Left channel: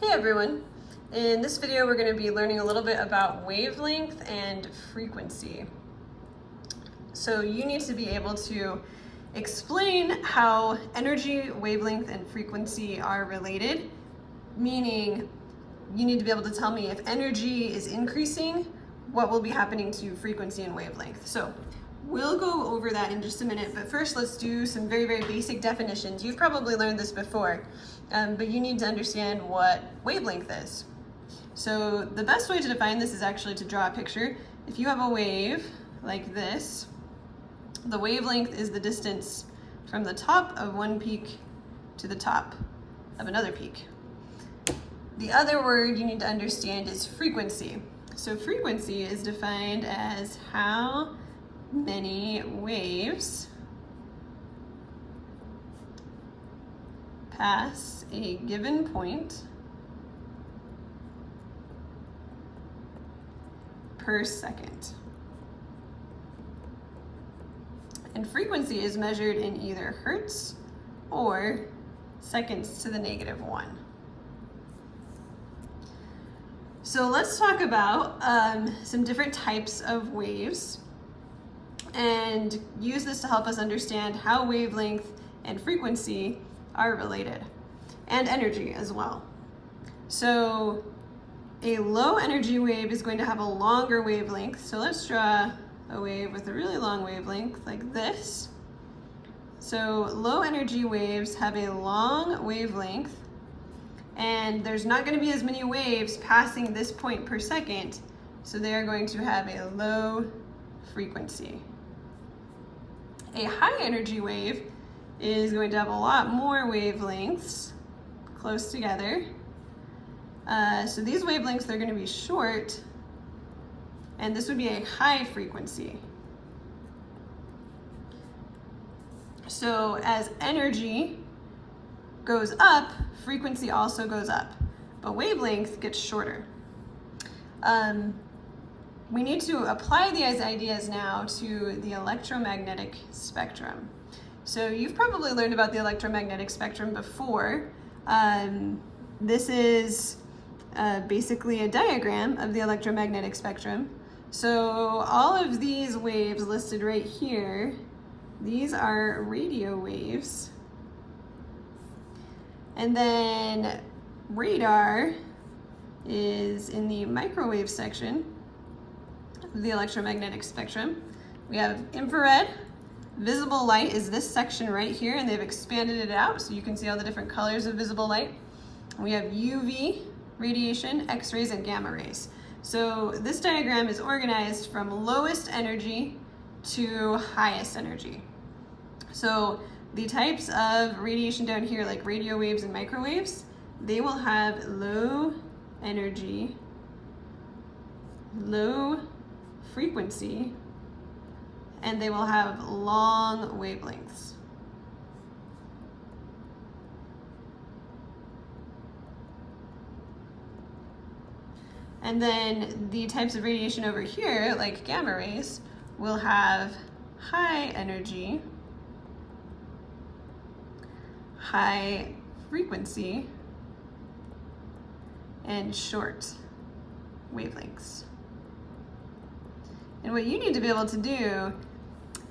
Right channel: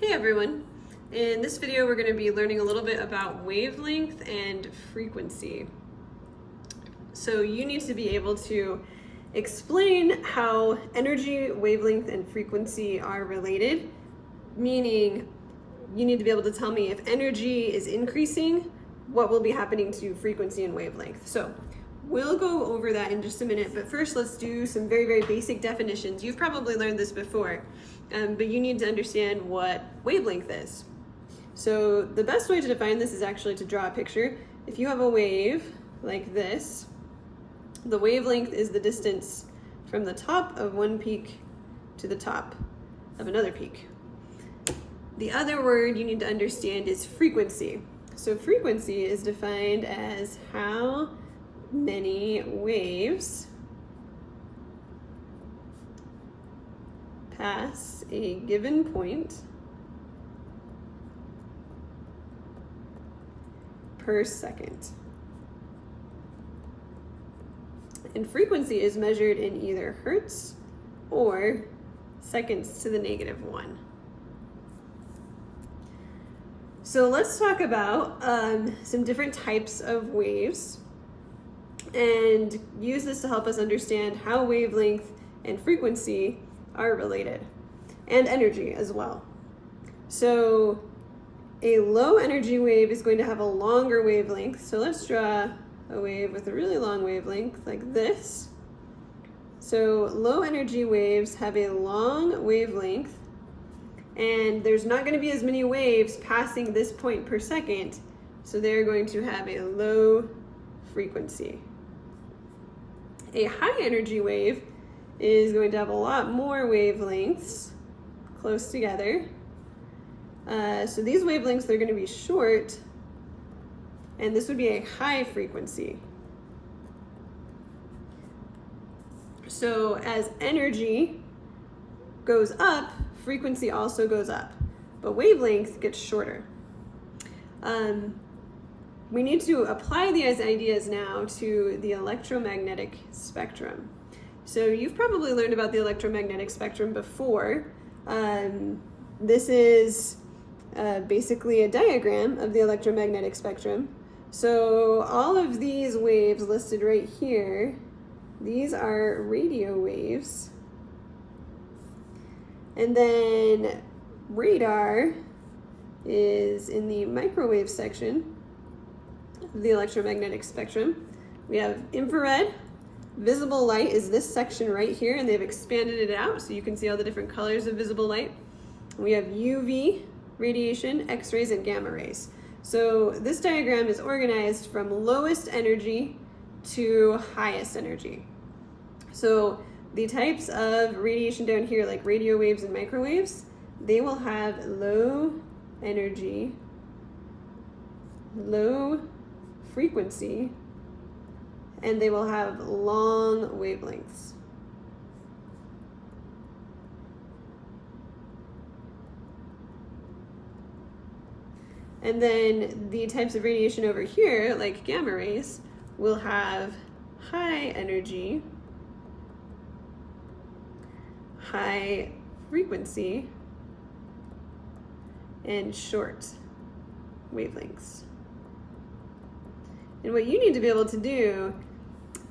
Hey everyone! In this video we're going to be learning a little bit about wavelength and frequency. So you need to be able to explain how energy, wavelength, and frequency are related, meaning you need to be able to tell me if energy is increasing, what will be happening to frequency and wavelength. So we'll go over that in just a minute, but first let's do some very, very basic definitions. You've probably learned this before, but you need to understand what wavelength is. So the best way to define this is actually to draw a picture. If you have a wave like this, the wavelength is the distance from the top of one peak to the top of another peak. The other word you need to understand is frequency. So frequency is defined as how many waves pass a given point per second. And frequency is measured in either hertz or seconds to the -1. So let's talk about some different types of waves and use this to help us understand how wavelength and frequency are related, and energy as well. So a low energy wave is going to have a longer wavelength. So let's draw a wave with a really long wavelength like this. So low energy waves have a long wavelength, and there's not going to be as many waves passing this point per second, so they're going to have a low frequency. A high energy wave is going to have a lot more wavelengths close together. So these wavelengths, they're going to be short, and this would be a high frequency. So as energy goes up, frequency also goes up, but wavelength gets shorter. We need to apply these ideas now to the electromagnetic spectrum. So you've probably learned about the electromagnetic spectrum before. This is basically a diagram of the electromagnetic spectrum. So all of these waves listed right here, these are radio waves. And then radar is in the microwave section of the electromagnetic spectrum. We have infrared. Visible light is this section right here, and they've expanded it out so you can see all the different colors of visible light. We have UV radiation, X-rays, and gamma rays. So this diagram is organized from lowest energy to highest energy. So the types of radiation down here, like radio waves and microwaves, they will have low energy, low frequency, and they will have long wavelengths. And then the types of radiation over here, like gamma rays, will have high energy, high frequency, and short wavelengths. And what you need to be able to do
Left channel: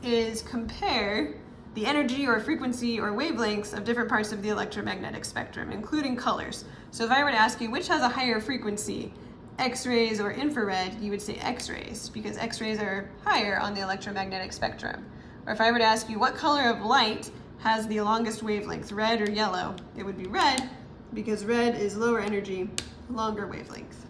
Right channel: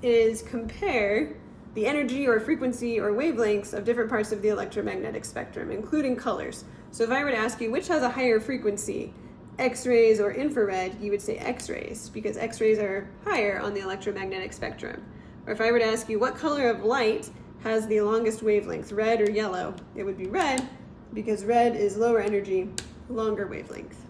is compare the energy or frequency or wavelengths of different parts of the electromagnetic spectrum, including colors. So if I were to ask you which has a higher frequency, X-rays or infrared, you would say X-rays, because X-rays are higher on the electromagnetic spectrum. Or if I were to ask you what color of light has the longest wavelength, red or yellow, it would be red, because red is lower energy, longer wavelength.